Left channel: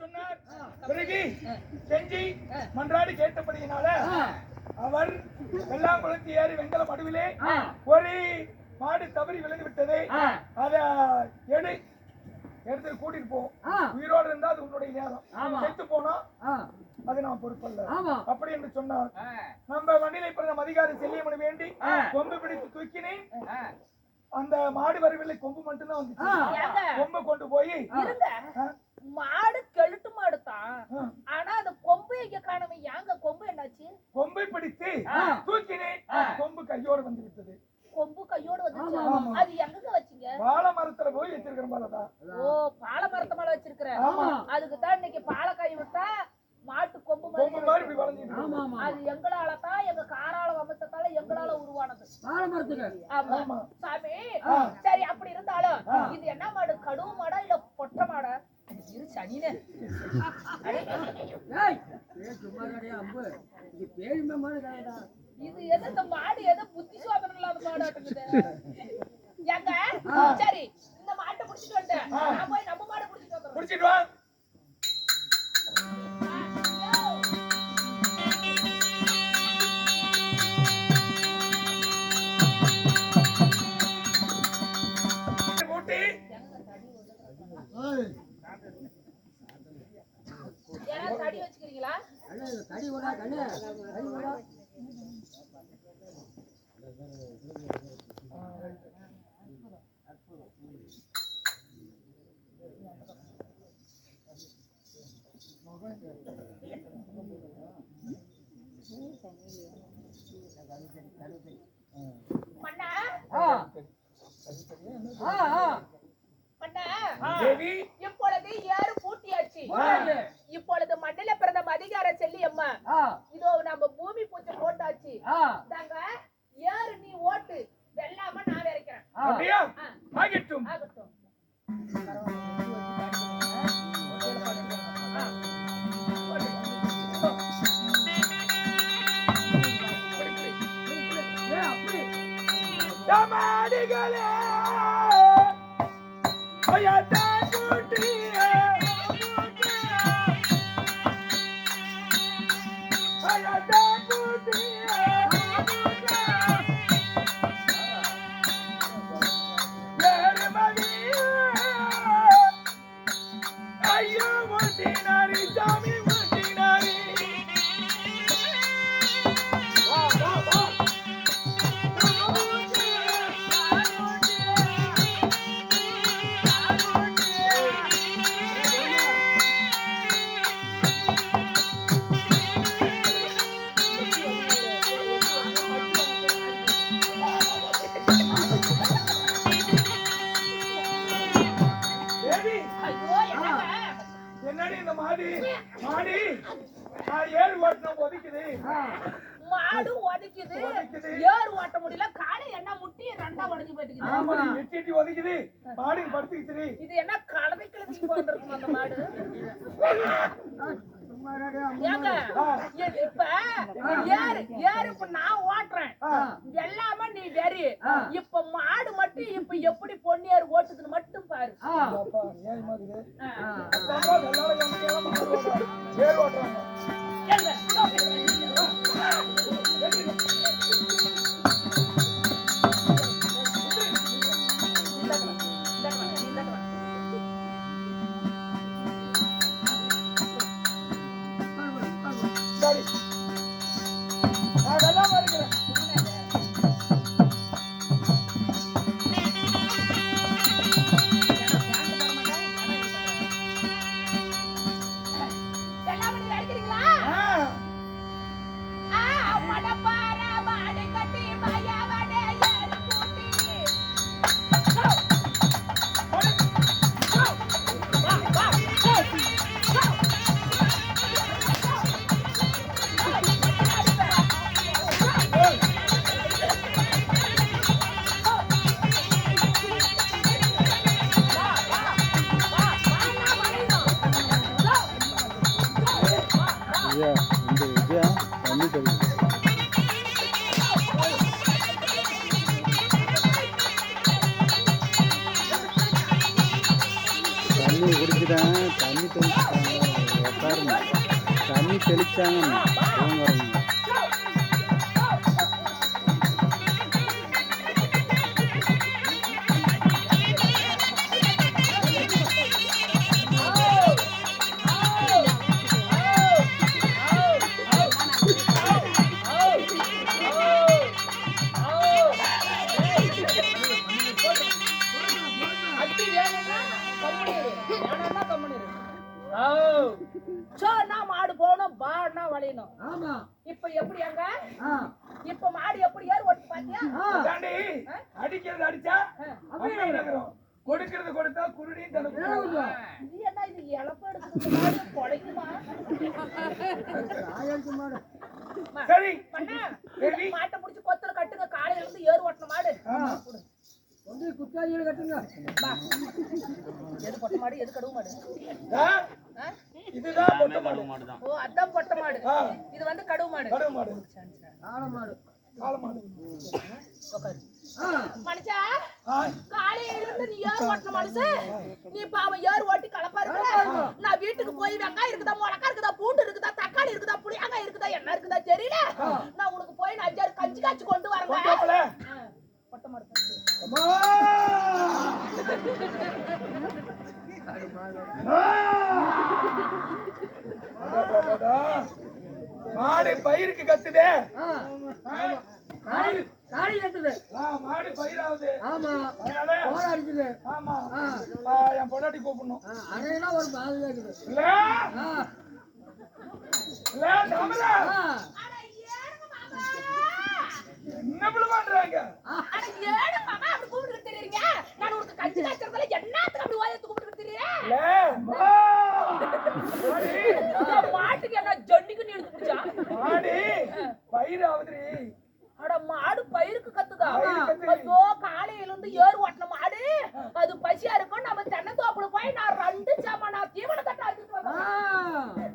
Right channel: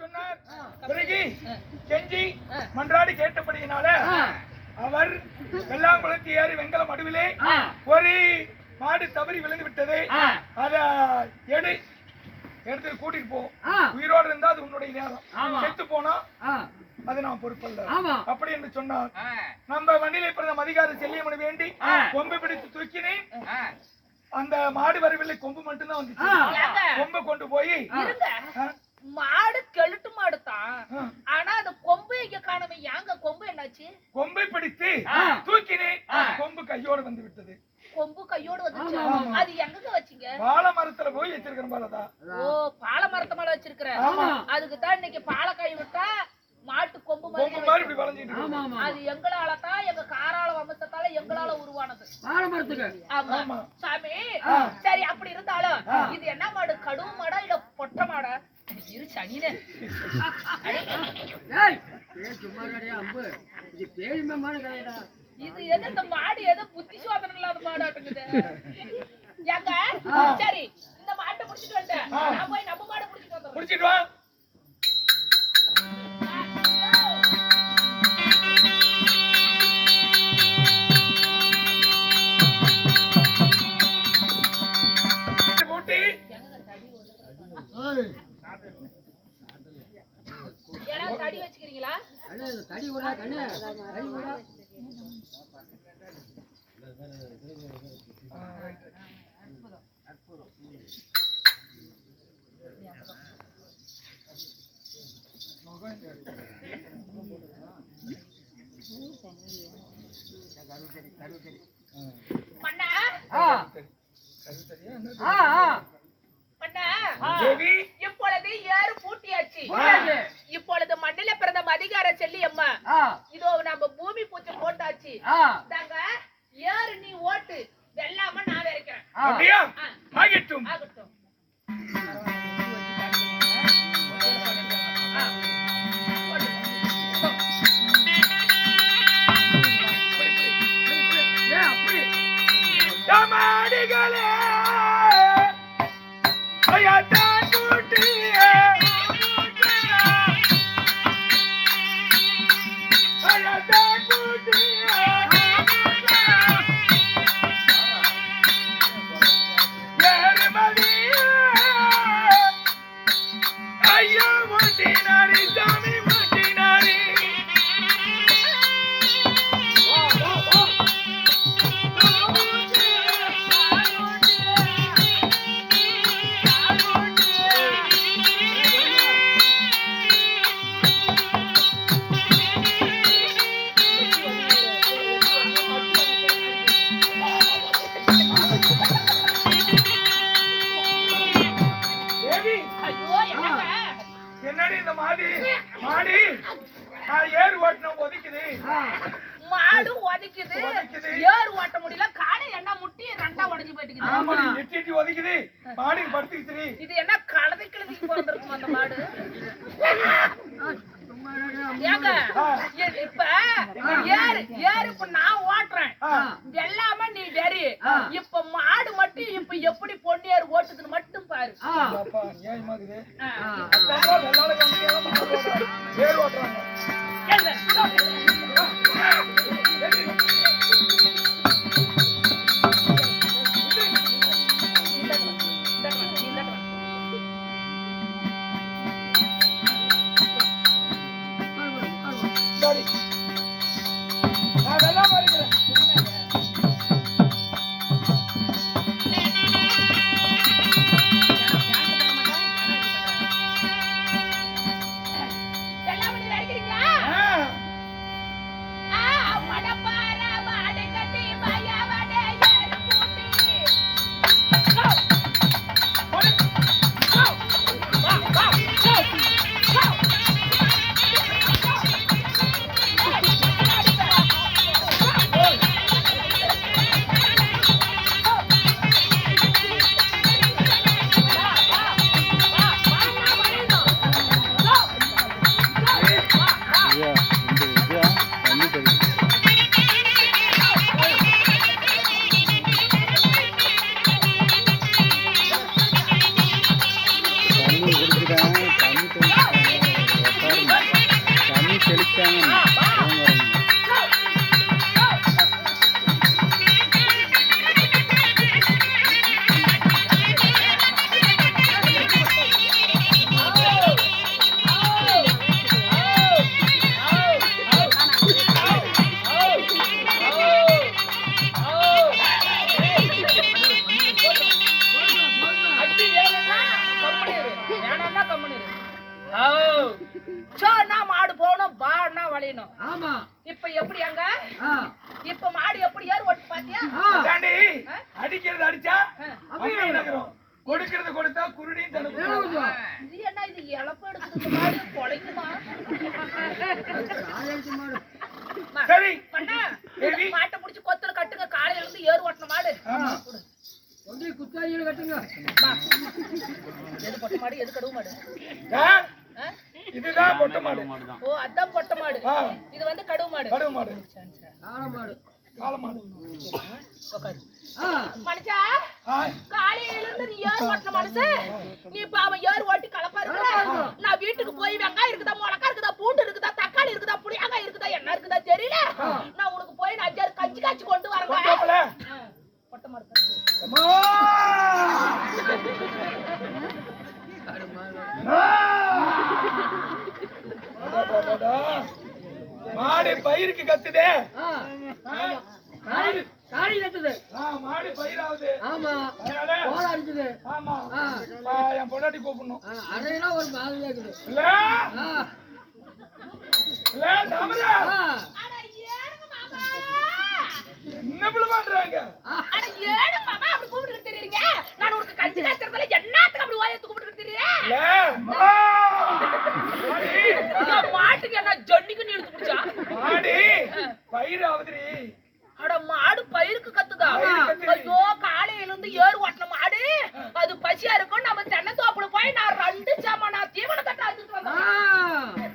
சொன்னார். பிறகு கெஞ்சி மன்றாடி கேட்டபடியினால அவர் வெள்ளாங்குளத்து ஏறி வெங்கல மடுவிலே ஒரு மாடு தவறி விழுந்து விட்டது. அத எடுத்து கூட்டிட்டு போ. உயிரோடு இருந்தா அது உன்னுடைய நேரம், செத்து போனா அது நான் பொறுப்பல்ல அப்படி என்று சொன்னார். நம்ம வண்டியில பிறந்த அதிகாரி செல்லியமனு வேண்டி கொம்பு பிடித்து தூக்கினேன். அந்த மாடு வரவில்லை, கொம்பு மட்டும்தான் வந்துச்சு. கொம்பை கொண்டு போய் மாடு கெழுட்டு மாடு தான், ஆனா அந்த கொம்பு இங்க காணவே. ஏங்க கொம்பு என்னாச்சு? கொம்பை பிடித்து தூக்கினேன், கொம்பு கையோடு வந்து விட்டது. கொம்பு கையோடு வந்துச்சு. அது எங்க வச்சீங்க? பால மரத்துல போய் வச்சிருக்கிறேன். பாலதா? ஓ, பால மரத்து மேல வச்சிருக்கிறேன். அதுக்கு தான் இன்னைக்கு பாலக்காய் விட்டா மாட்டு கொம்பு மாதிரி இப்படி வளைஞ்சிட்டு இருக்கு. அது எங்களால தான், எங்க காரால வம்சத்தால எங்களால உருவானது பால மரத்துக்கு. ஆமா சாமி. சரி, அப்படி இருந்தாலும் இது என்ன மாடு? கடுவு மாடா இல்ல பொட்ட மாடா? இரு சனினே. இது எது இந்த மாடு? எது புத்தி சோதனை இல்லாத மாடாட்டுக்குது ஏங்க? சரி, இந்த மாட்டை புடிச்சிட்டு வந்துட்டேன். நான் போய் நம்ம மாடை புடிச்சிட்டு வந்துடுறேன். புடிச்சிட்டு வா. தடி வச்சுக்கிறீங்களா? தடி விடா கண்ணு, தடி விடா. இப்பொழுது ஏறு பூட்டியாச்சு. இப்பொழுது மண்ணில பிறந்த மதிகார செல்லியம்மா இதோ நம்ம பூமி பூச்சி போட்டாச்சு. தாங்க ஏறு நீ ஓட்டு, வெள்ளாம நான் வரைக்கிறேன். அப்படியே ஆகட்டும். ஆகட்டும். தமாடிகளே ஐயாதான் கூட்டியே ஐயாதான் கூட்டியே ஏறுமதியே ஐயா முட்டினாரி சாமி முட்டினாரி. என்னடி இந்த மாடி ஏறு ஓட்டணும் ஒதுக்குது. மாடு ஒதுக்குது, ஏறு ஓட்ட முடியல. காடை என்ன முட்டி ரெண்டா உடைஞ்சு போயிட்டு. ஆமா, எட்டி ஒதுக்குது. மாடி படுத்துக்கிட்டு. இது என்ன கலதை கிழதிக்கு பிறந்திருக்கும் அந்த மாடு? ஏங்க இப்ப ஏறு இப்ப நான் ஓட்டுறேன், எல்லாமே நீ வெறி. இப்ப மாடு மட்டும் இப்ப எப்படி பொன்னியாரு ஓட்டுதுன்னு மட்டும் பாரு. மாடு போகணும் பாடுனா வளையணும். ஆமா இப்ப எப்படி அங்க இப்ப மாடு எப்படி ஏறு ஓட்டு பாத்தியா? அடிக்கிறது அடிச்சா அப்படியே நடக்கிறோம், கொடுக்கிறது கொடுத்தா குருடியும் தடுக்கும். இது என்ன இது இழப்பு எடுக்குது மாடு பொழைக்குமா? சரி பண்ணா மாட்டை புடிச்சு கொத்துல கட்டுங்க, காலையில இருந்து ஏறு ஓட்டணும் மாடு. கொண்டு குத்தாயில கட்டுங்க. எது பொட்ட மாடு எது கடுவு மாடு? இதுதான் பொட்ட மாடு. ஓ அதான் பொட்ட மாடு. இது வந்து கடுவு மாடு. கடுவு மாடு காள மாடு. காள மாடு. உட்காரு. மனுஷா காலையில இருந்து நீ ஏறு ஓட்டணும் மனுஷன். நீ பாவம் ஏறு ஓட்டி கலப்பா இருக்க. நான் வீட்டுக்கு போய் வெங்காயம் இருக்குதா, மிளகா இருக்குதா, பூண்டு இருக்குதா, தக்காளி இருக்குதா, புளியாங்காய் இருக்குதா, என்ன இருக்குதா தெரியல. நான் உனக்கு போய் நான் அஞ்சாறு கஞ்சி காய்ச்சி கொண்டு வரேன். பொட்ட மாடு மாடு பயிருக்கு கத்துதே. காளி கட்டுது. மாடு பயிராகுது. ஆமா கோல அடிக்குது. ஆமா என் பொண்டாட்டி கூப்பிடணும். அதையெல்லாம் ஒரு மாதிரியா இருக்குது. இல்ல இல்ல தாமரா என்ன பிள்ளை பண்றாங்க? அட ஏடு மாமா அப்படி கூப்பிட்டு தெரியுறீங்க. நான் உனக்கு கஞ்சி காய்ச்சறதுல என்னத்துக்கு அப்படி வாயை கூப்பிட்டு தெரியுறீங்க? மாட்டுக்கு என்ன ஜொன்னிக்கு நீ எடுத்து குடிச்சா? மாடு பயிராகுதுடி. அட மாடு பயிருக்கு கத்துதா? ஐயோ காலையில இருந்து ஏறு ஓட்டன மாடு அது பசியா இருக்கும். நம்ம தென்னை தோப்புல போய் நான் 2 சாமா நான் தீவன தட்ட அடிச்சிட்டு வந்தேன்.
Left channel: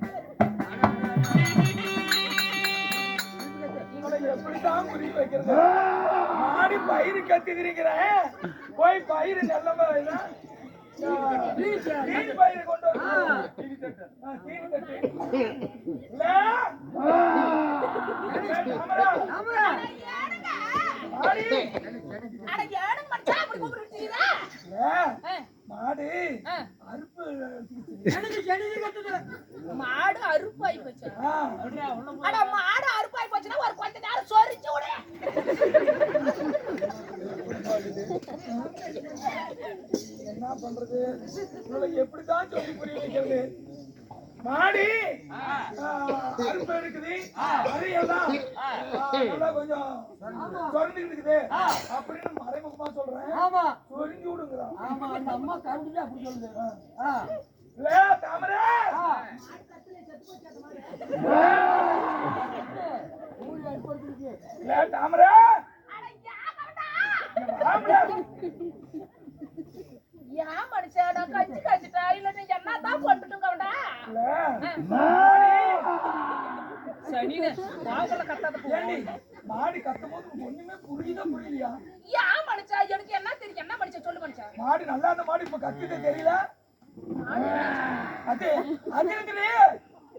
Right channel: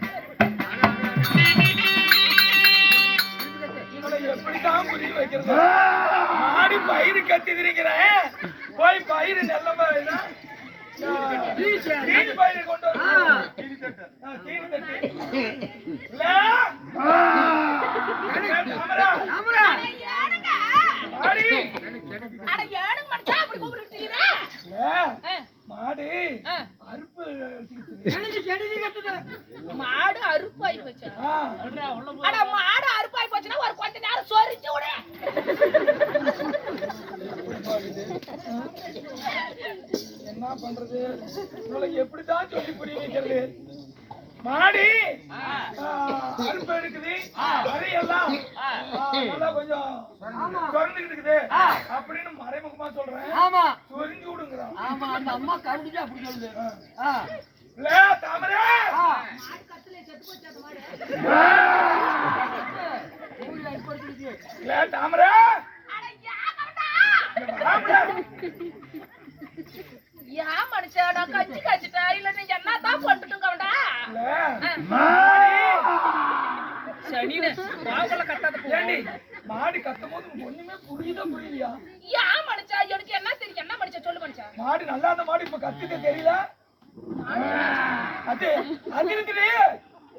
எப்படிதான் புரிய வைக்கிறது? மாடி பயிறு கத்திக்கிறேன், போய் பயிறு நல்ல பயிறு கொண்டு மாடு அறுப்பு மாடு அறுப்பாய் போச்சு. அட மாடு அறுப்பாய் போச்சுன்னா ஒரு கொஞ்ச நேரம் சொரிச்சு விடு. என்ன பண்றது? எப்படிதான் சொல்லி புரிய வைக்கிறது? மாடி அறுப்பு எடுக்குது, அதையெல்லாம் நல்லா கொஞ்சம் சொரிஞ்சுக்கிட்டு இருக்குது அப்படின்னு மறைமுகமா சொல்றேன். ஆமா சொரிஞ்சு விடுங்கிறான். ஆமா அந்த அம்மா கருந்துட்டு அப்படி சொல்லுது. இல்ல தாமரை இல்ல தாமரை ஏன் மனுஷன் நான் கஞ்சி காய்ச்சிட்டா இல்ல நீ என்னதான் பண்ணிட்டுங்கடா? சனினே வாங்கல கட்டாத ஏண்டி மாடி கத்தும்போது ஒண்ணுமே புரியலையா? ஏன் மனுஷா எனக்கு என்ன தெரியும்? என்ன மனுஷன் சொல்லு மனுஷா. மாடி நல்லா அந்த மாடி இப்ப கத்துக்க தெரியல. அது இருக்குதே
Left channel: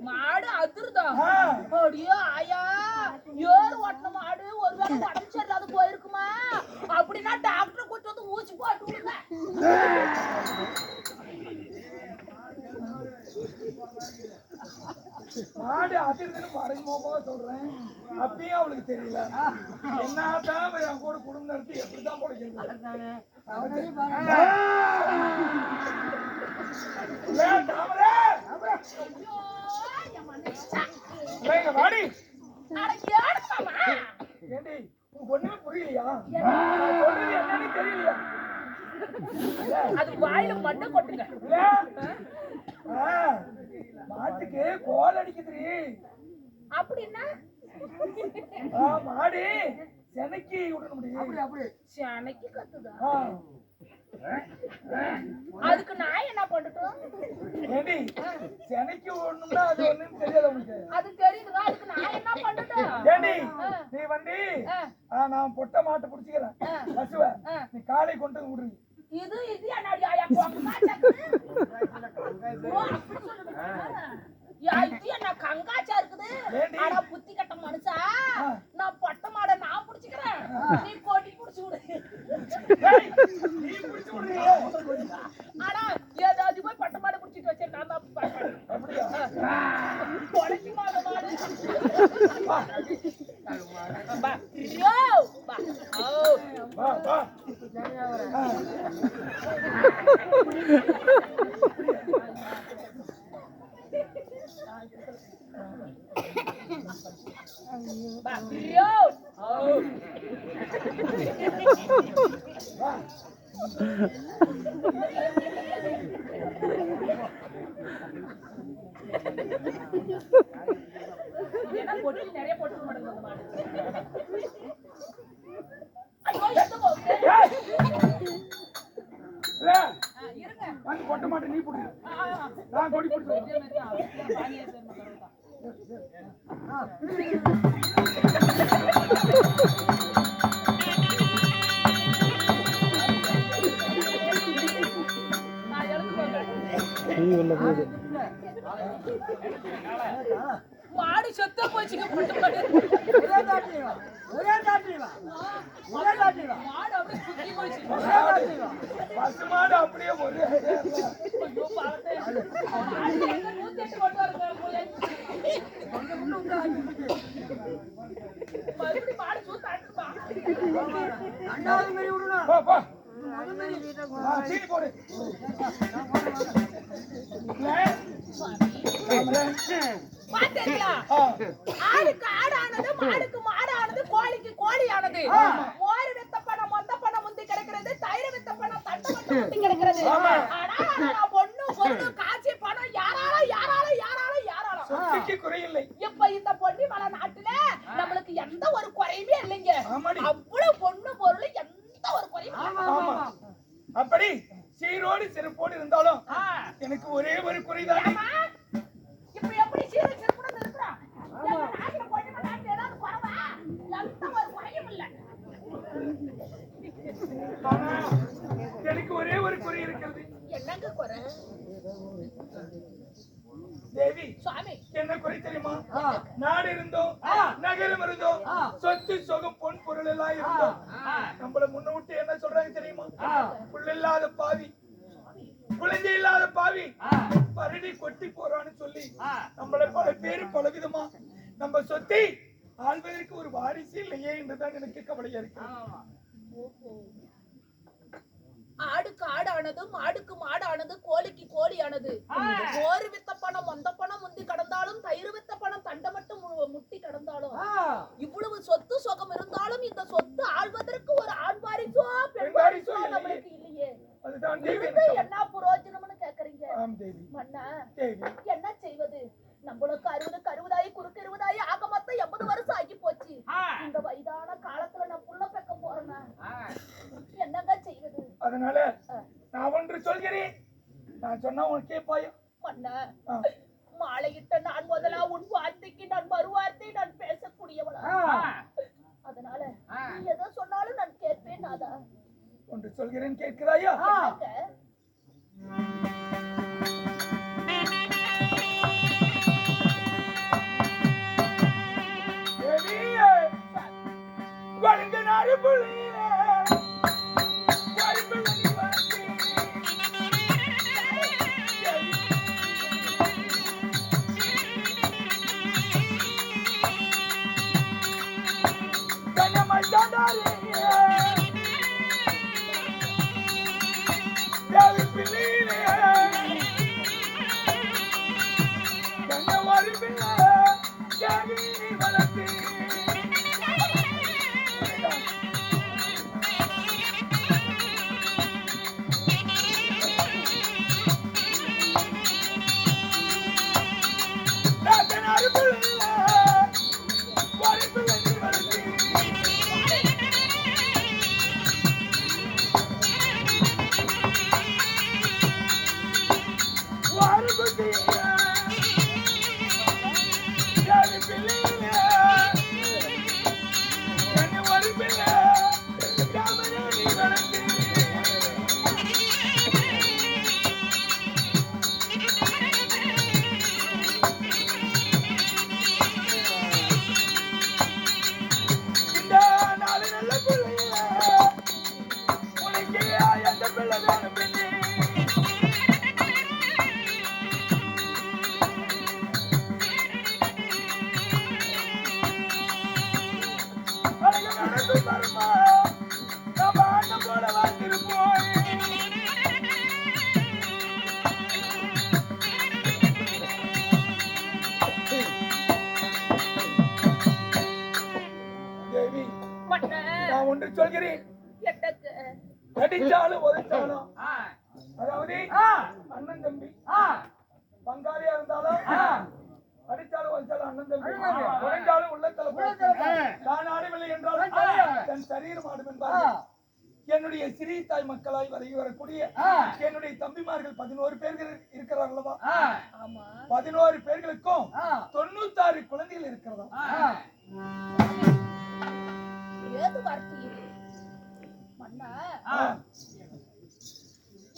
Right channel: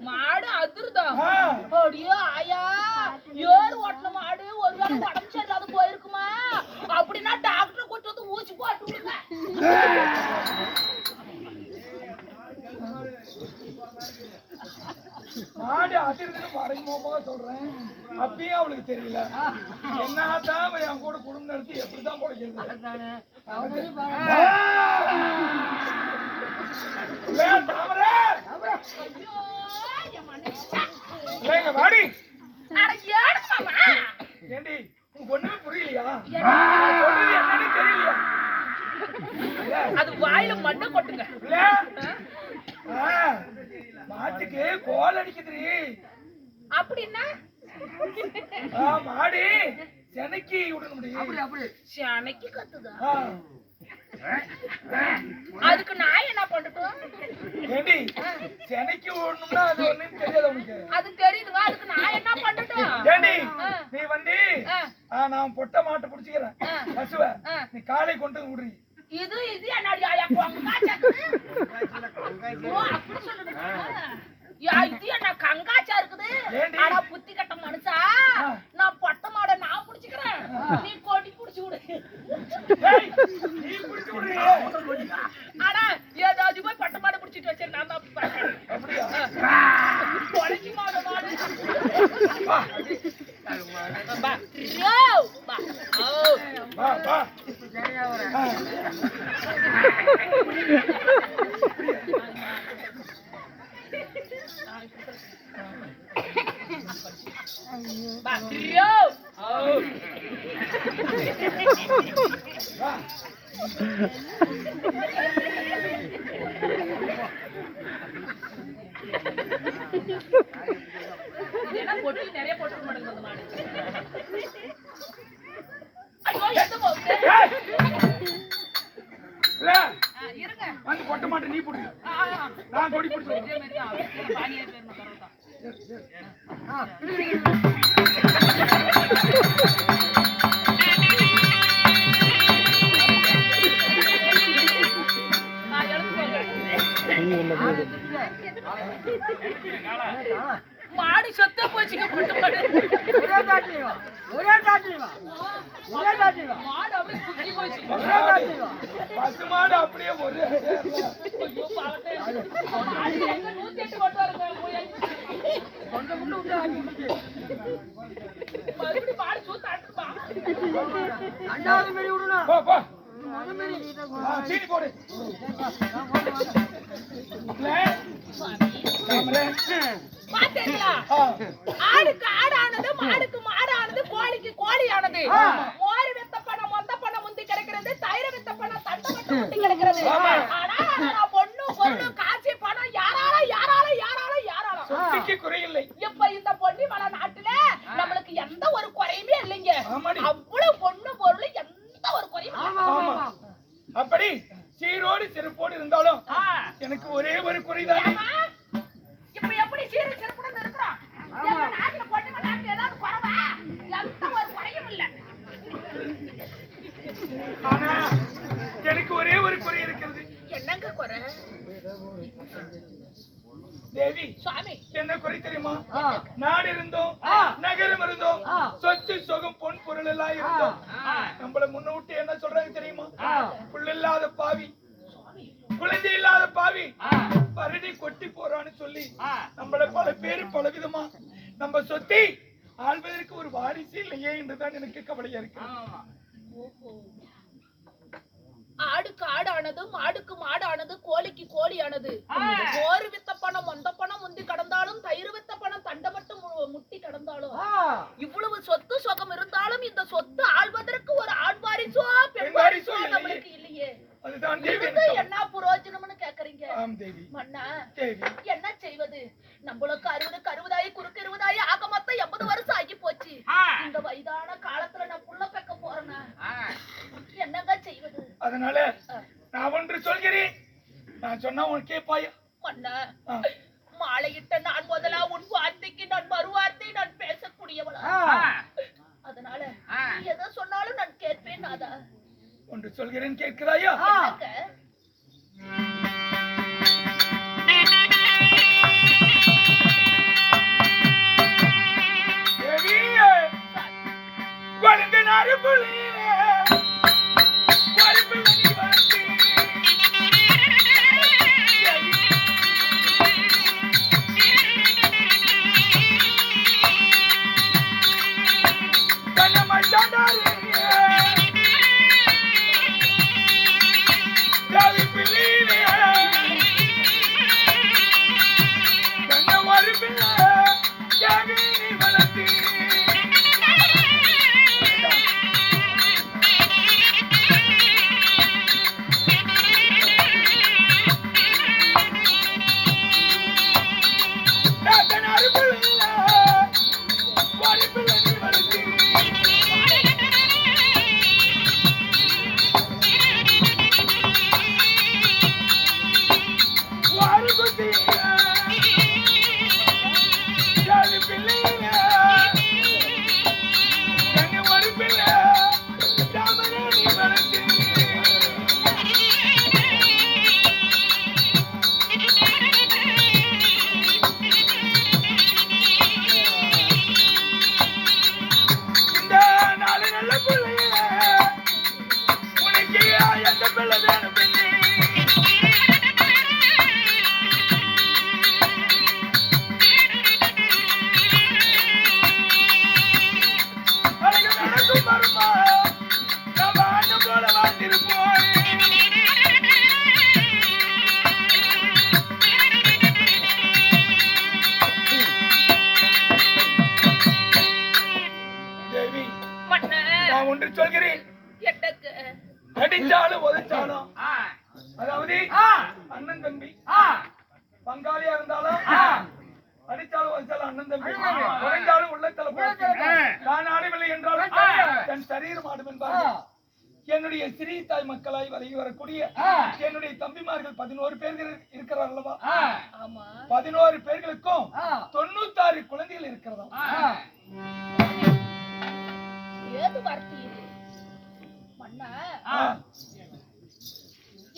மாடு அதிர்தா? அப்படியே ஆயா ஏறு ஓட்டன மாடு ஒருவேளை உடம்பு சரியில்லாத போயிருக்குமா? அப்படின்னா டாக்டர் கூட்டு வந்து ஊசி போட்டு விடுங்க. மாடு அதிர்துன்னு மறைமுகமாக சொல்றேன். அப்பயும் அவளுக்கு தெரியல. என்னதான் என் கூட குடும்பம் நடத்தி எப்படிதான் பிடிக்கிறது? வாடி ஏண்டி ஒண்ணுமே புரியலையா? சொல்றது என்னன்னு தெரியலையா? அது வாயில மண்ணை கொட்டுங்க. மாட்டுக்கு கோல் அடிக்குது. அப்படின்னா மாடு செனைக்கு விட முடியும். அப்படி அப்படி செனைக்கு கத்துதா? அதுக்கு நான் என்ன பண்ணட்டும்? ஏண்டி செனைக்கு விடணும்னா அது ஒண்ணும் தெரியாது உனக்கு? அது தெரியுதுங்க. அதுக்கு நான் என்ன பண்ணட்டும்? ஏண்டி நீ வந்து நான் பொட்டை மாட்டை பிடிச்சிக்கிறேன் பசுவ, நீ காலை கொண்டு விடுறீ. இது இது என்னடி ஆயா கங்காச்சா? ஓ அப்படி சொல்லுங்க. யா இது என்ன கங்காச்சா இருக்குது? பா யோ பா ஓ வா வா பா யோ ஓ வா இதெல்லாம் பொட்டி நிறைய போட்டு மாட்டேங்குது அந்த மாடு ஐயோ எந்த போகுது இல்ல இருங்க வந்து பொட்ட மாட்டே நீ புடி நான் கொடி புடிச்சேன் இதே மாதிரி தான் பானியே பேர் மகரதா நான் எழுந்து மாடு சொத்த போச்சுங்க பொட்டு மாடு ஒரே தாட்டிவா மாடு அப்படியே சுத்தி போச்சு பசுமாடு அப்படியே ஒரு ஐயோ பாவத்தை மாடு எங்க 108 கொண்டு வரங்க போய் கொஞ்சம் முன்ன விட்டு ஆக்கி விட்டுச்சு மறுபடியும் மாடு சூத்து ஆட்டுமா ரெண்டாவது மாரி விடணும் போ போ முதல் மாரி சீனி போடு இல்ல பாத்தீங்களா ஆடுக்கு ஆடானது மாடுக்கு மாடானது கோழிக்கு கோழியானது மோர் வித்த பணம் மொந்த பணம் முந்தி கிடைக்கிறது தயிர் வித்த பணம் தண்டை மட்டும் முந்தி கிடைக்கிறது ஆனா நான் பொண்ணு பொண்ணு காட்சி பணம் யாரால சொத்துக்கு குறையில்லை இப்ப இந்த பொன்னி மலை நாட்டுல நம்மளுக்கு எந்த ஒரு குறையுமே இல்லைங்க ஆமாடி. அவ்வளவு பொண்ணு பொருள் எந்த ஒரு குறையும் இல்ல. ஆமா அப்படி சீரோடு சிறப்போடு இருந்தாலும் எனக்கு ஒரே ஒரு குறைதானே ஆமா. இப்ப எப்படி சீர சிறப்புடன் இருக்கிறோம் எங்க நாட்டுல பொன்னி மலை நாட்டுல ஏதாவது குறைவா எந்த ஒரு குறையும் இல்ல ஆனா எனக்கு ஒரே ஒரு குறை இருக்கிறது என்னங்க குறை தேவி சுவாமி என்ன குறை தெரியுமா நாடு இருந்தோம் நகரம் இருந்தோம் சொத்து சொகம் பொன் பொருள் எல்லாம் இருந்தோம் நம்மள முன்ன விட்டு என்ன சொல்றாங்க தெரியுமா புள்ள இல்லாத பாவி குழந்தை இல்லாத பாவி பரடி கொட்டி போறான்னு சொல்லி நம்மள பல பேரு பல விதமா நம்ம சொத்தை ஆள்வதற்கு ஒரு வாரிசு இல்லையே என்றுதான் எனக்கு கவலையா இருக்கு ஆடுக்கு ஆடானது மாடுக்கு மாடானது கோழிக்கு கோழியானது மோர் வித்த பணம் மொந்த பணம் முந்தி கடந்தாலும் தயிர் வித்த பணம் தண்டை மட்டும் முட்டி கடந்தாலும் இவ்வளவு சொத்து சொகம் இருந்தாலும் இந்த சொத்து ஆள்வதற்கு ஒரு ஆண் வாரிசோ பெண் வாரிசோ நம்மளுக்கு இல்லையே அதுதான் தேவி என்ன புரோஜனம்னு கேக்குறீங்க ஆம் தேவி மன்னா தேவி என்ன செய்வது நம்மளுக்கு 60 குறுக்கு 20 ஆக மொத்தம் 80 வருஷம் ஆகி போச்சு இந்த வயதான காலத்துல நான் புள்ள பெக்க போறேன்னா என்னங்க செய்வது அதனால நான் ஒன்று சொல்கிறேன் நான் சொன்னா உனக்கு கேட்பாயா மன்னா மாலையிட்ட நான் முதலா உன் வார்த்தைக்கு நான் மறுவார்த்தை நான் பேசக்கூடியவளா அதனால நீ எதை சொன்னாலும் நான் கேட்பேன் நாதா ஒன்று சொல்கிறேன் கேட்கிறாயா வளர்ந்த நாடு புள்ளியிலே வரிப்பில் நீ வந்து கண்ணமாய் தாண்டாரே ஒன்று சொல்கிறேன். எனக்கு அடிச்சாலும் உதைச்சாலும் அதாவது அண்ணன் தம்பி பங்காளியா இருந்தாலும் அடிச்சாலும் உதைச்சாலும் அண்ணன் தம்பி உடைந்தாலும் உள்ளத்துல தான் ஆடவில்லை என்றாலும் தன் சரீரம் ஆடும் என்பார்கள். என்னுடைய சிறிய தாய் மக்களாய் வழங்கி வரக்கூடிய என்னுடைய தம்பிமார்கள் 11 பேர்கள் இருக்கிறார் அல்லவா? 11 பேர்களுக்கும் 96 குழந்தைகள் இருக்கிறதா? ஏது வார்த்தை இது மன்னா?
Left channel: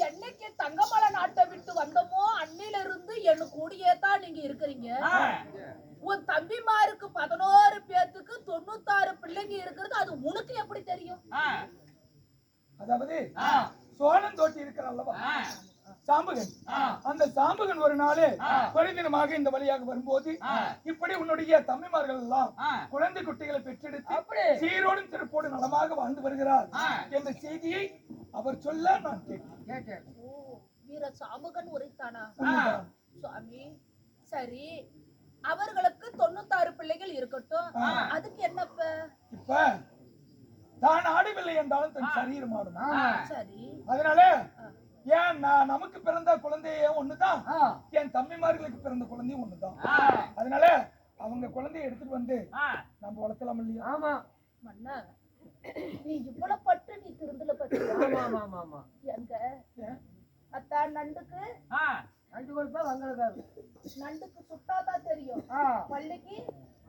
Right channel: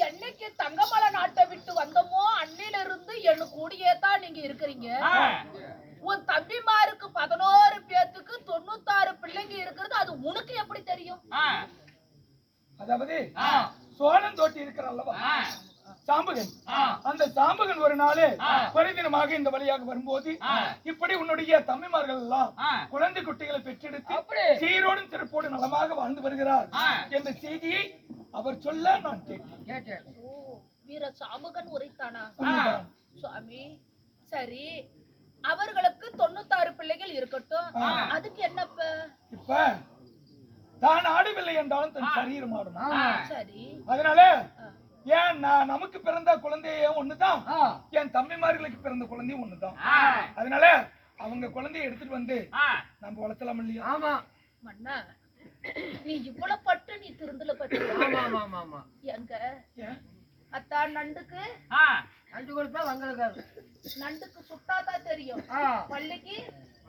என்னைக்கு தங்கமலை நாட்டை விட்டு வந்தோமோ அன்னில இருந்து என்ன கூடியே தான் நீங்க இருக்கிறீங்க. உன் தம்பிமாருக்கு 11 பேத்துக்கு 96 பிள்ளைங்க இருக்கிறது அது உனக்கு எப்படி தெரியும்? அதாவது சோழன் தோட்டி இருக்கிற அல்லவா சாம்பகன், அந்த சாம்பகன் ஒரு நாளே பரிதினமாக இந்த வழியாக வரும்போது இப்படி உன்னுடைய தம்பிமார்கள் எல்லாம் குழந்தை குட்டிகளை பெற்றெடுத்து சீரோடும் சிறப்போடு நலமாக வாழ்ந்து வருகிறார் என்ற செய்தியை அவர் சொல்ல நான் கேட்டேன். வீர சாம்பகன் உரைத்தானா? சுவாமி சரி, அவர்களுக்கு 96 பிள்ளைகள் இருக்கட்டும், அதுக்கு என்னப்ப? இப்ப தான் ஆடவில்லை என்றாலும் தன் சரீரம் ஆடும். சரி, அதனால ஏன் நமக்கு பிறந்த குழந்தையும் ஒண்ணுதான், என் தம்பிமார்களுக்கு பிறந்த குழந்தையும் ஒண்ணுதான். அதனால அவங்க குழந்தைய எடுத்துட்டு வந்து நம்ம வளர்த்தலாம் இல்லையா? ஆமா மன்னா, நீ இவ்வளவு பட்டு நீ திருந்தல பட்டு எங்க அத்தா நண்டுக்கு நண்டு கொடுத்தா வங்களுக்கு நண்டுக்கு சுட்டாதான் தெரியும், பள்ளிக்கு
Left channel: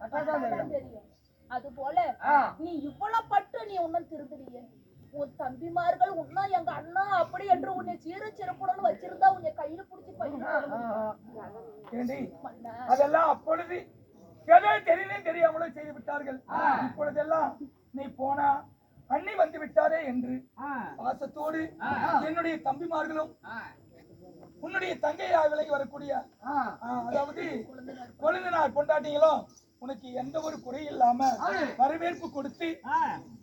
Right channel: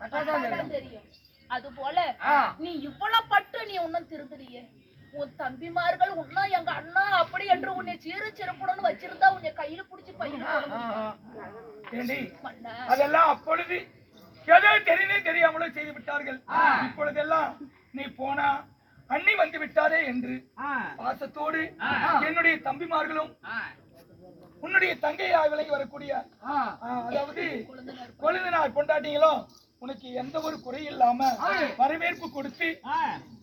அட்டாதான் தெரியும். அது போல நீ இவ்வளவு பட்டு நீ உன்னும் திருந்தலையே. உன் தம்பிமார்கள் உன்னா எங்க அண்ணா அப்படி என்று உன்னை சீரு சிறப்புடன் வச்சிருந்தா உன்னை கையில புடிச்சு பையன் அதெல்லாம் அப்பொழுது ஏதோ தெரிந்தே தெரியாமலும் செய்து விட்டார்கள். இப்பொழுதெல்லாம் நீ போனா அண்ணி வந்து விட்டாரே என்று பாசத்தோடு என்னுடைய தம்பிமார்களும் உன்னுடைய தங்கையாய் விலகி வரக்கூடிய அதாவது கொழுந்தனார் கொண்டாட்டிங்களும் உனக்கு எந்த ஒரு குறை இல்லாம வரவேற்பு கொடுத்து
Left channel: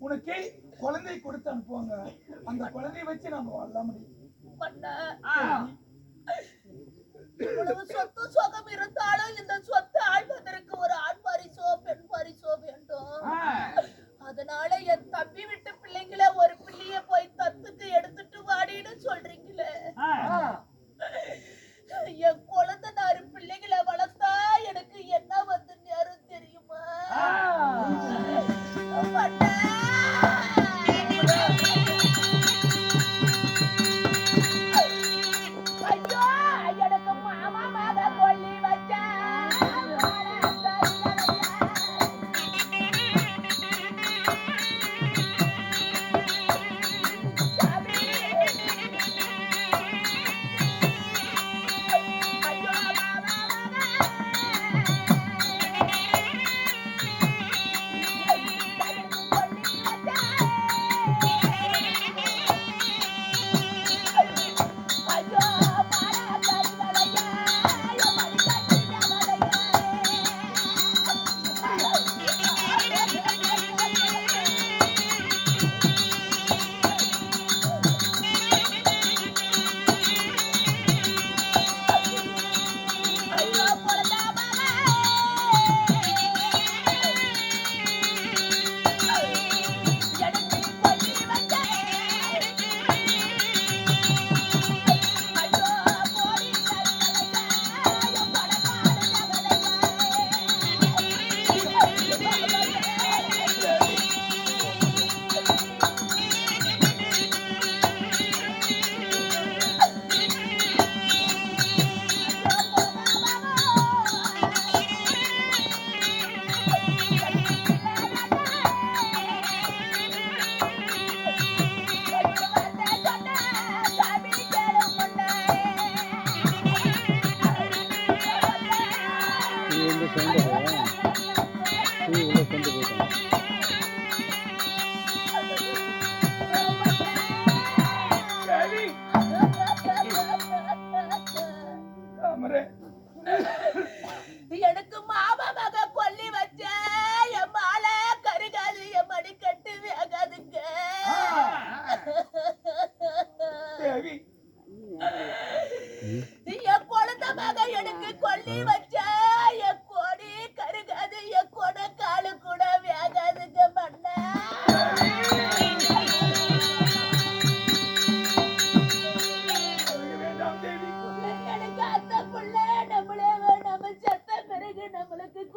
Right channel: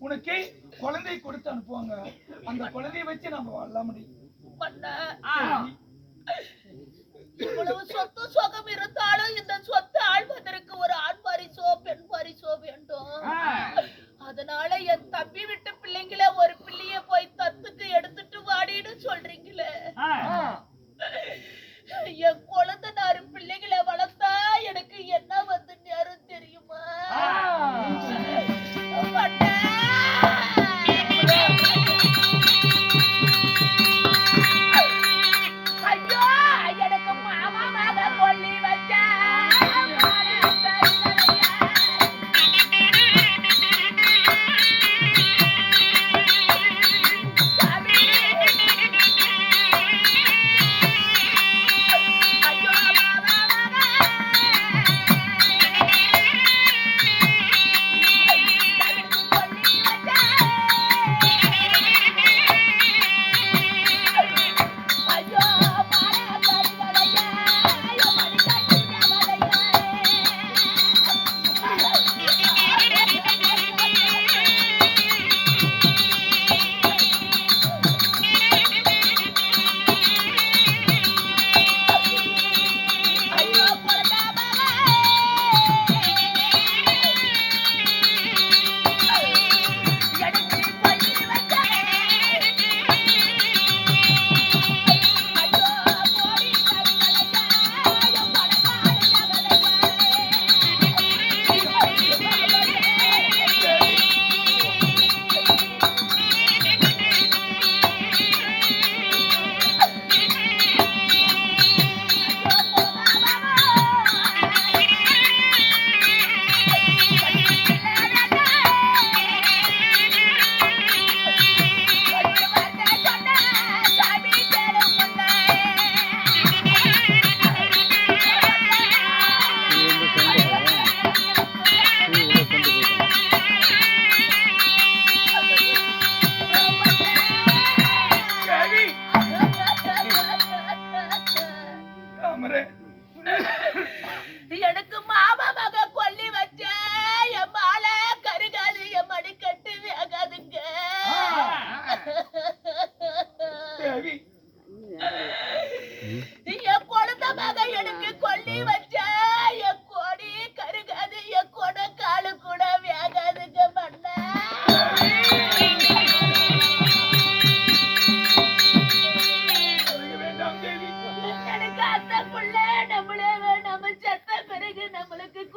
உனக்கு குழந்தை கொடுத்து அனுப்புவாங்க. அந்த குழந்தையை வச்சு நம்ம வாழலாம் முடியும். இவ்வளவு சொத்து சுகம் இருந்தாலும் இந்த சொத்து ஆழ்வதற்கு ஒரு ஆண் பரிசோ பெண் பரிசோ வேண்டும். அதனால என் தம்பி விட்டு பிள்ளைங்கள ஒரு பிள்ளைய போய் தத்துக்கு எடுத்துட்டு வாடின்னு சொல்றீங்களே. என் குழந்தைனாரு பிள்ளைகளை வளர்த்தா எனக்கு என்ன வந்து நேரம் தெரியுமா? ஐயோ, எனக்கு மாமா மக கொல்லி வச்சா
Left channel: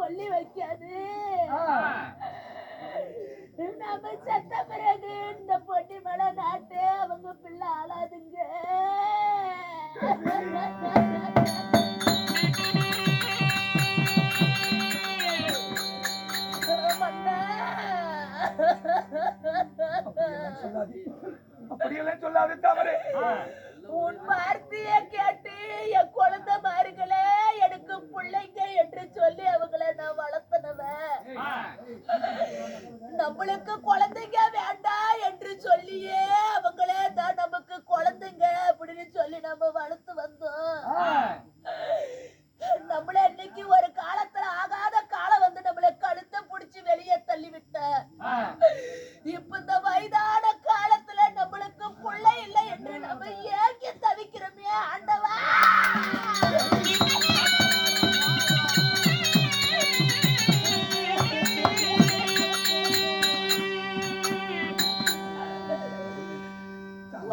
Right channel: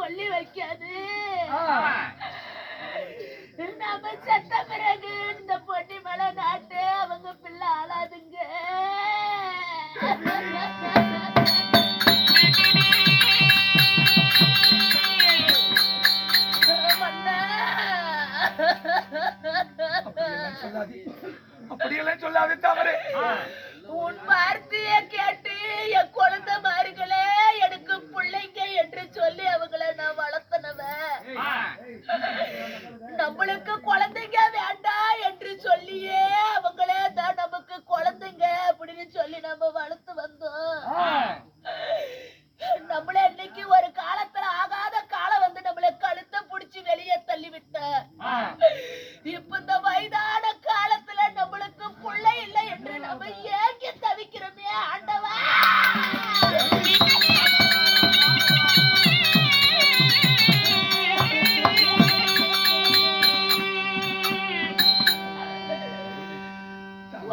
சொல்லி வைக்காது. நம்ம செத்த பிறகு இந்த பொண்ணி மலை நாட்டு அவங்க பிள்ளை ஆளாதுங்க. அப்படியெல்லாம் சொல்லாது தவறு. உன் வார்த்தைய கேட்டு என் குழந்தை மாறுகளே எனக்கு பிள்ளைங்க என்று சொல்லி அவங்கள நான் வளர்த்தனவன். நம்மளுக்கு குழந்தைங்க வேண்டாம் என்று சொல்லியே அவங்களே தான் நமக்கு குழந்தைங்க அப்படின்னு சொல்லி நம்ம வளர்த்து வந்தோம். நம்மள இன்னைக்கு ஒரு காலத்துல ஆகாத காலம் வந்து நம்மள கழுத்தை புடிச்சு வெளியே தள்ளி விட்ட. இப்ப இந்த வயதான காலத்துல நம்மளுக்கு பிள்ளை இல்லை என்று நம்ம ஏங்கி தவிக்கிறோமே ஆண்டவா.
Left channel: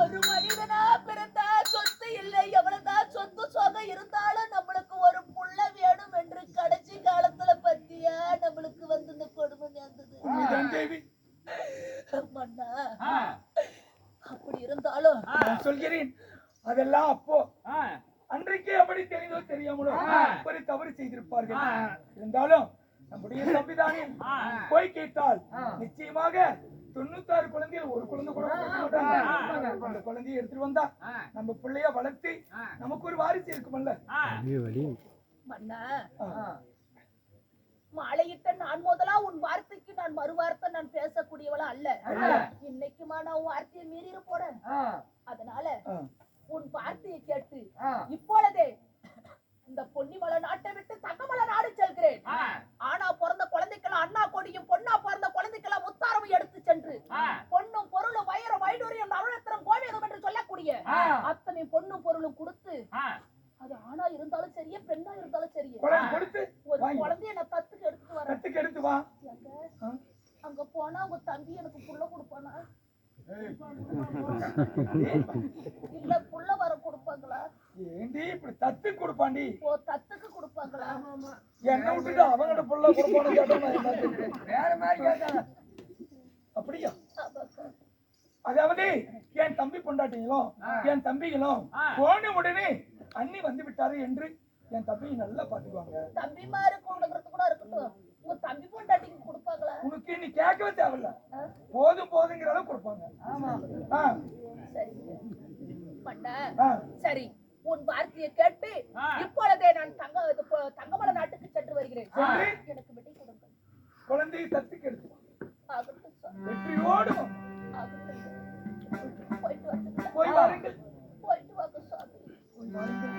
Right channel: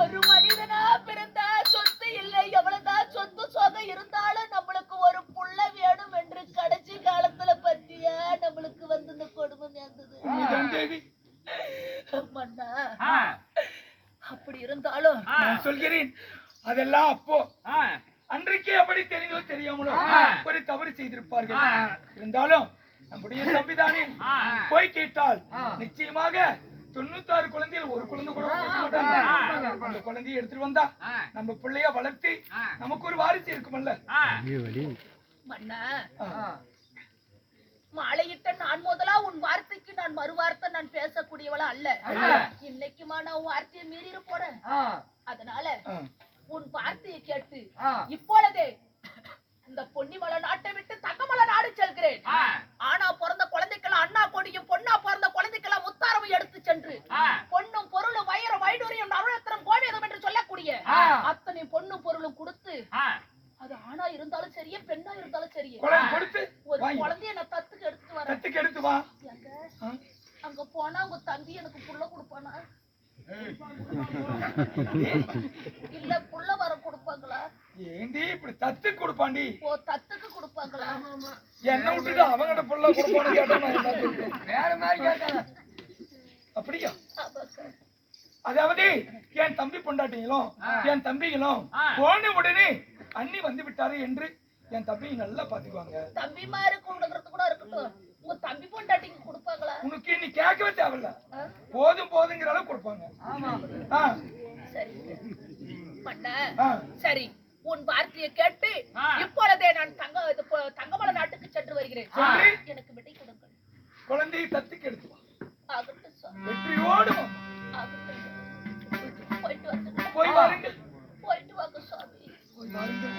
ஒரு மனிதனா பிறந்தா சொத்து இல்லை, எவ்வளவுதான் சொத்து சொகம் இருந்தாலும் நம்மளுக்கு ஒரு புள்ள வேணும் என்று கடைசி காலத்துல பத்தியா நம்மளுக்கு வந்து இந்த கொடுமை நேர்ந்தது. மன்னா அப்படி இருந்தாலும் நான் சொல்கிறேன், அதெல்லாம் அப்போ அன்றைக்கே அப்படி தெரிந்தோ தெரியாமலோ ஒரு தவறு செய்திருப்பார்கள். இருந்தாலும் நம்முடைய தம்பிதானே போய் கேட்டால் நிச்சயமாக 96 குழந்தைகள் ஒரு குழந்தை கூட கொடுக்க மாட்டாங்க. அந்த குழந்தையை எடுத்துட்டு வந்தா நம்ம பிள்ளைய வளர்த்து நமக்கு ஒரு வாரிசு இருக்குமல்ல. மன்னா மாலையிட்ட நான் முதலா உன் வார்த்தைக்கு நான் மறு வார்த்தை நான் பேசக்கூடியவளா அல்ல. இன்னைக்குமா நான் உன் வார்த்தையை மீறி போறேன். அதனால உன் வார்த்தையை கேட்டு இப்பொழுதே இந்த பொன்னிமலை நாட்டை விட்டு தங்கமலை நாடு செல்கிறேன். ஆனா பிறந்த குழந்தைக்கெல்லாம் அண்ணா கொடியும், பொண்ணா பிறந்த குழந்தைக்கெல்லாம் முத்தாரமும் எடுத்து சென்று பொண்ணும் பொருளும் வயிறும் வைடூரியம் நருளத்திரம் கோவியம் என்று சொல்லக்கூடிய அத்தனை பொண்ணும் பொருளும் கொடுத்து, அது ஆணா இருந்தாலும் சரியே பெண்ணா இருந்தாலும் சரியே ஒரு குழந்தைய நான் தத்துக்கு எடுத்துட்டு வரேன். அங்க போனா உங்க தம்பி எனக்கு புள்ள கொடுப்பானா இல்ல புள்ள வர கொடுப்பாங்களா? ஏண்டி இப்படி தத்து கொடுப்பாண்டி? ஓ தத்துக்கு கொடுப்பாங்களா? என்ன விட்டுட்டு அவங்கட புள்ள கொடுப்பானு கேட்டா நான் என்ன சொல்றேன்? வேற மாதிரி கேட்டாங்க. அப்படியா? அதாவது என் தம்பி பொண்டாட்டிங்களும் என் தம்பிகளும் போன உடனே அண்ணி வந்து விட்டாரு என்று என் தம்பியை நல்லா பாத்துக்குவாங்க. தம்பி மாதிரி கொடுக்கறது கூட இருக்கட்டும், உங்க தம்பி பொண்டாட்டிக்கு கொடுப்பாங்களா? உனக்கு நீ கேட்கவே தேவையில்ல, போதும் போதுங்கிற அளவு கொடுப்பாங்க. சரி பண்ண சரி. உன் வார்த்தையை கேட்டு இப்பொழுதே நான் தங்கமலை நாட்டுக்கு சென்று வருகிறேன். எனக்கு விடை கொடுங்கள். குழந்தையை தத்துக்கு எடுத்துவா. ஆகட்டும் சார். வெற்றியோடு ஆகட்டும். போயிட்டு வந்து போய் வாருங்கள். போயிட்டு வாங்க சாமி. போய் வாருங்கள்.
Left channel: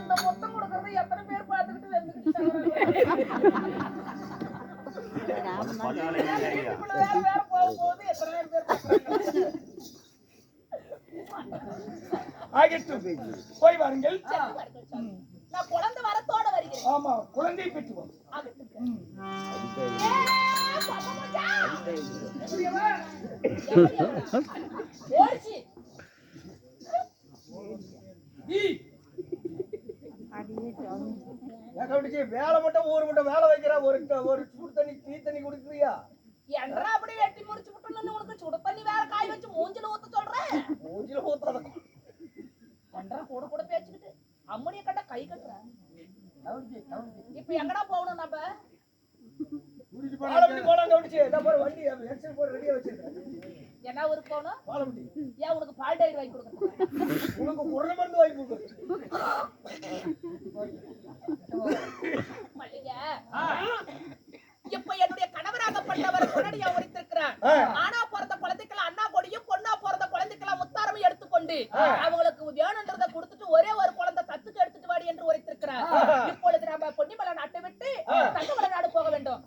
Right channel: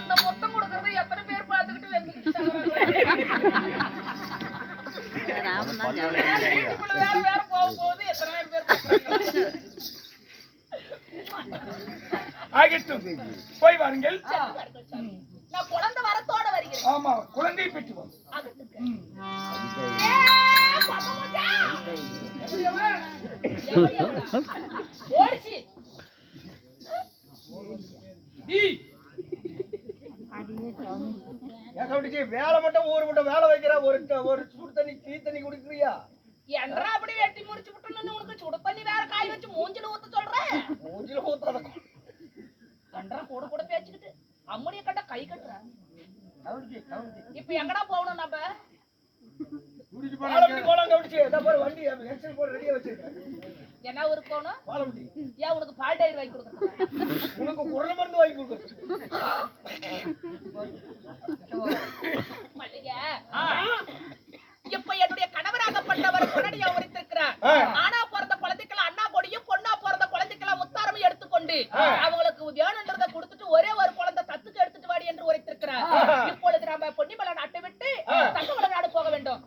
இந்த மொத்தம் கொடுக்கறது எத்தனை பேர் பார்த்துக்கிட்டு வேற போகும்போது எத்தனை பேர் ஆகட்டும், போய் வாருங்கள். நான் குழந்தை வரத்தோட வருகிறேன். ஆமா, குழந்தையை பெற்றுவோம். ஓடிச்சு வேலை மட்டும் ஊரு மட்டும் வேலை வைக்கிறா. ஒரு சூடு தண்ணி டீ தண்ணி குடிக்கிறியா? என்றா அப்படி வெட்டி முறிச்சு விட்டு உனக்கு சுடு தண்ணி வேற காய் வச்சு மூஞ்சில ஊத்த சொல்றேன். மூஞ்சில ஊத்தாத என்றா கூட கூட பேச்சுக்கிட்டு அம்மனிய கட்ட கை கட்டுற. இப்ப எங்கடா போகணும் நம்ம? வண்டி ரெடியா வச்சிருக்கேன். என்ன ஊருக்கு போகணும்? ஏன் உனக்கு பால் டயர் வாங்கி கொடுக்கறது? உனக்கு குரல் மருந்து வாங்கி கொடுக்கறது. மல்லிகை இப்ப என்னுடைய கணவராகப்பட்டவர் முன்னாடியா உரைத்திருக்கிறார். ஆனா பிறந்த குழந்தைக்கெல்லாம் அண்ணா கொடியும், பொண்ணா பிறந்த குழந்தைக்கெல்லாம் முத்தாரமும் எடுத்துக்கொண்டு அவங்களுக்கு வேணுன்றத கொடுத்துட்டு ஒரே ஒரு குழந்தை தத்துக்கு எடுத்துட்டு வாடி என்று உரைத்திருக்கிறார். இப்பொழுது நம்ம பொன்னிமலை நாட்டை விட்டு தங்கமலை நாடு போக வேண்டும்.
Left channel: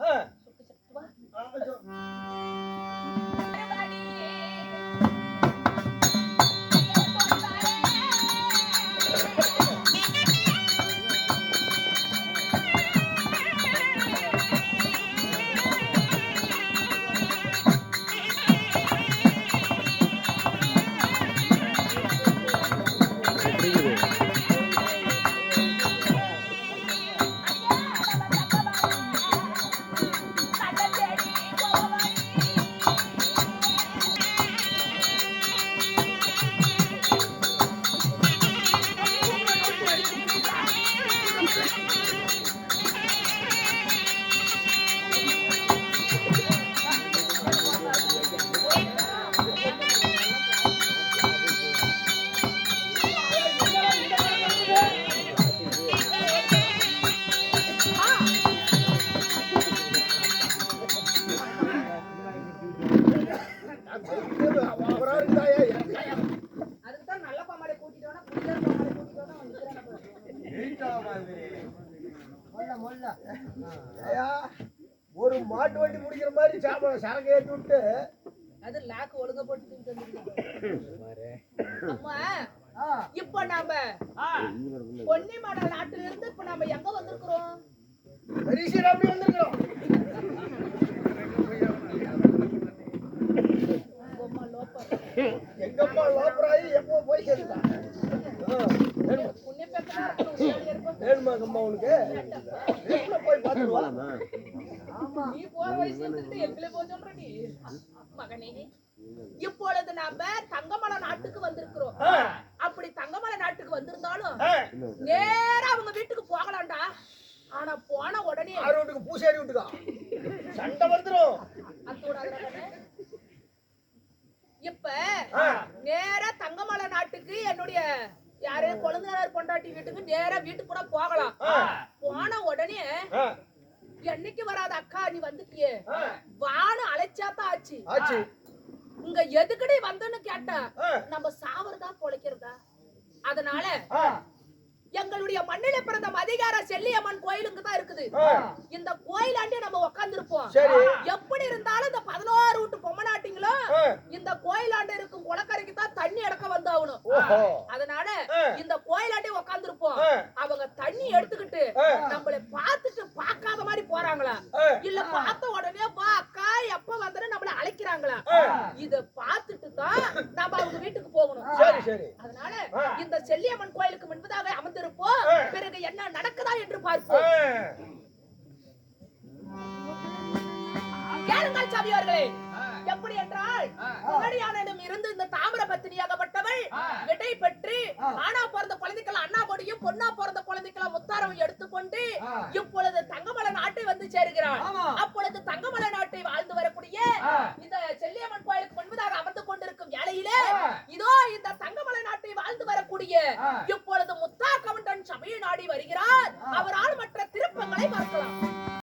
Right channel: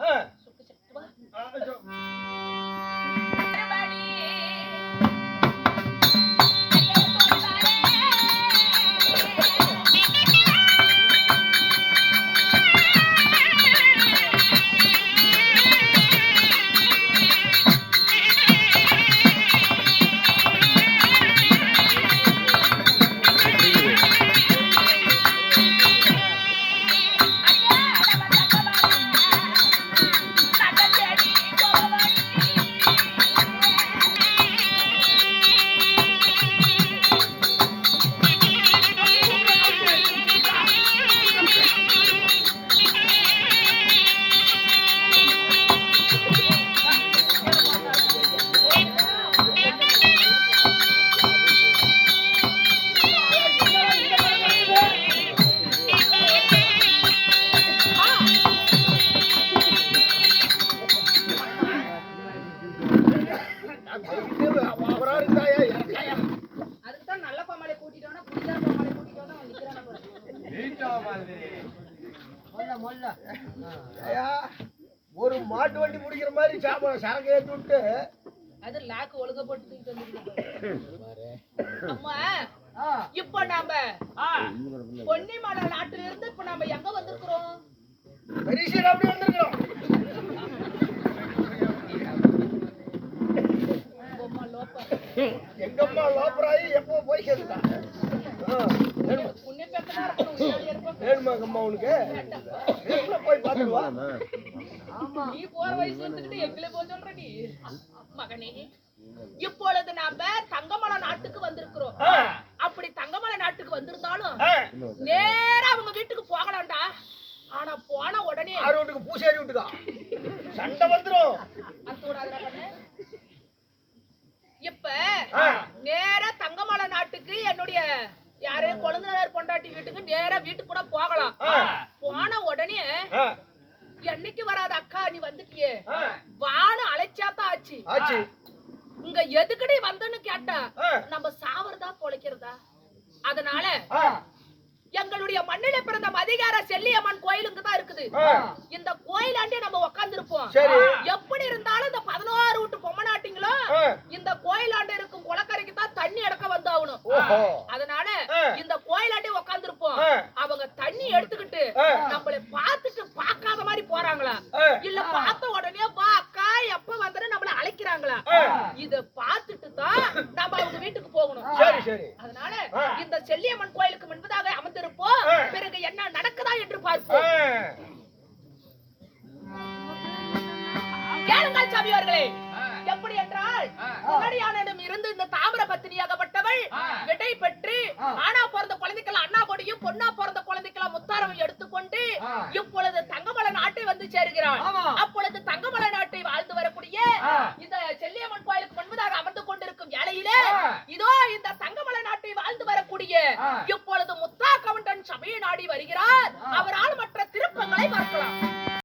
அவரா இருந்தாயா எனக்காயா அதுக்கு தான் நல்ல பாமாலை கூட்டிட்டோம்னா குடிக்கிற பாமாலை கூட்டிட்டோம்னா அவன் நிக்கிறான ஐயா, ஒரு மாட்டு வண்டி முடிக்கிற மாதிரி சரக்கு ஏற்றி விட்டு அது லாக்கு ஒழுங்க போட்டு தூக்கிட்டு வந்துருக்காங்க. அம்மா இப்ப நாம பொன்னிமலை நாட்டுல இருந்து இப்ப நாம எங்க வந்திருக்கிறோம்? பெரிய அப்படி வந்திருக்கிறோம். எங்கம்மா லோப்பராயி எப்போ போய் சேர்ந்துட்டான். புண்ணிய பேசலாம் இருக்கணும். வேணுமாங்கம்மா உனக்கு போய் பார்த்துடுவா. நீ போற வயசு வந்துக்கிட்டு எங்களை போக சொல்ற நீ மகனே. இப்பொழுது நாம தங்கமலை நாட்டுக்கு வந்திருக்கிறோம். அப்படி தங்கமலை நாட்டுக்கு வந்திருந்தாலும் நேரா அவங்க வீட்டுக்கு போகலாம்டா. ஆனா போன உடனே வீட்டுக்கு பூசேரி விட்டுக்கா சண்டை வந்துரும். இப்ப நேரா தங்கமலை நாட்டுக்கு என்னுடைய யாரே குழந்தையார் பொண்டாட்டி வீட்டுக்கு நேரா வீட்டுக்கு கூட போகலாம். போன உடனே என்னைக்கு வராத அக்கா நீ வந்துட்டியே வான்னு அழைச்சாத்தான் ஆச்சு. இங்க எதுக்குடி வந்தன்னு கேட்டா நம்ம சாவறதா பொழைக்கிறதா. அதனால எங்களுடைய மண்ணில பிறந்த மதிகார செல்லியம்மன் கோயிலுக்கு தான் இருக்குது. இந்த கோயிலாண்டே நம்ம உட்கார்ந்து இருப்போம். எப்படி இருந்தாலும் இந்த 11 வீட்டு பொம்மநாட்டிங்களும் இந்த கோயிலாண்ட இருக்கும் குளக்கரைக்கு தான் தண்ணி எடுக்க வந்தாகணும். அதனால இந்த கோயிலாண்டே உட்கார்ந்து இருப்போம். அவங்க தண்ணி எடுத்துக்கிட்டு நம்மள பார்த்துட்டு பார்க்காத மாதிரி போறாங்களா இல்ல பார்த்த உடனே வா அக்கா எப்ப வந்தன்னு நம்மள அழைக்கிறாங்களா இத பார்த்துட்டு தான் நம்ம அவங்க வீட்டுக்கு போகணும். அதனால இந்த செல்லியம்மன் கோயிலுக்கு முன்பதாக அமர்ந்திருப்போம். பிறகு என்ன நடக்குதா என்று பார்ப்போம். கேளுங்கள் சாமியார்களே. எப்படி என்றால் முன்னாடியானிடம் இருந்து இந்த தாமிர பத்தினியாகப்பட்டவள் விடை பெற்று ஆனா பிறந்த குழந்தைக்கெல்லாம் அண்ணா கொடியும் பொண்ணா பிறந்த குழந்தைக்கெல்லாம் முத்தாரவும் எடுத்துக்கொண்டு இப்பொழுது தங்கமலை நாட்டை வந்து சேருகிறாள். அப்பொழுது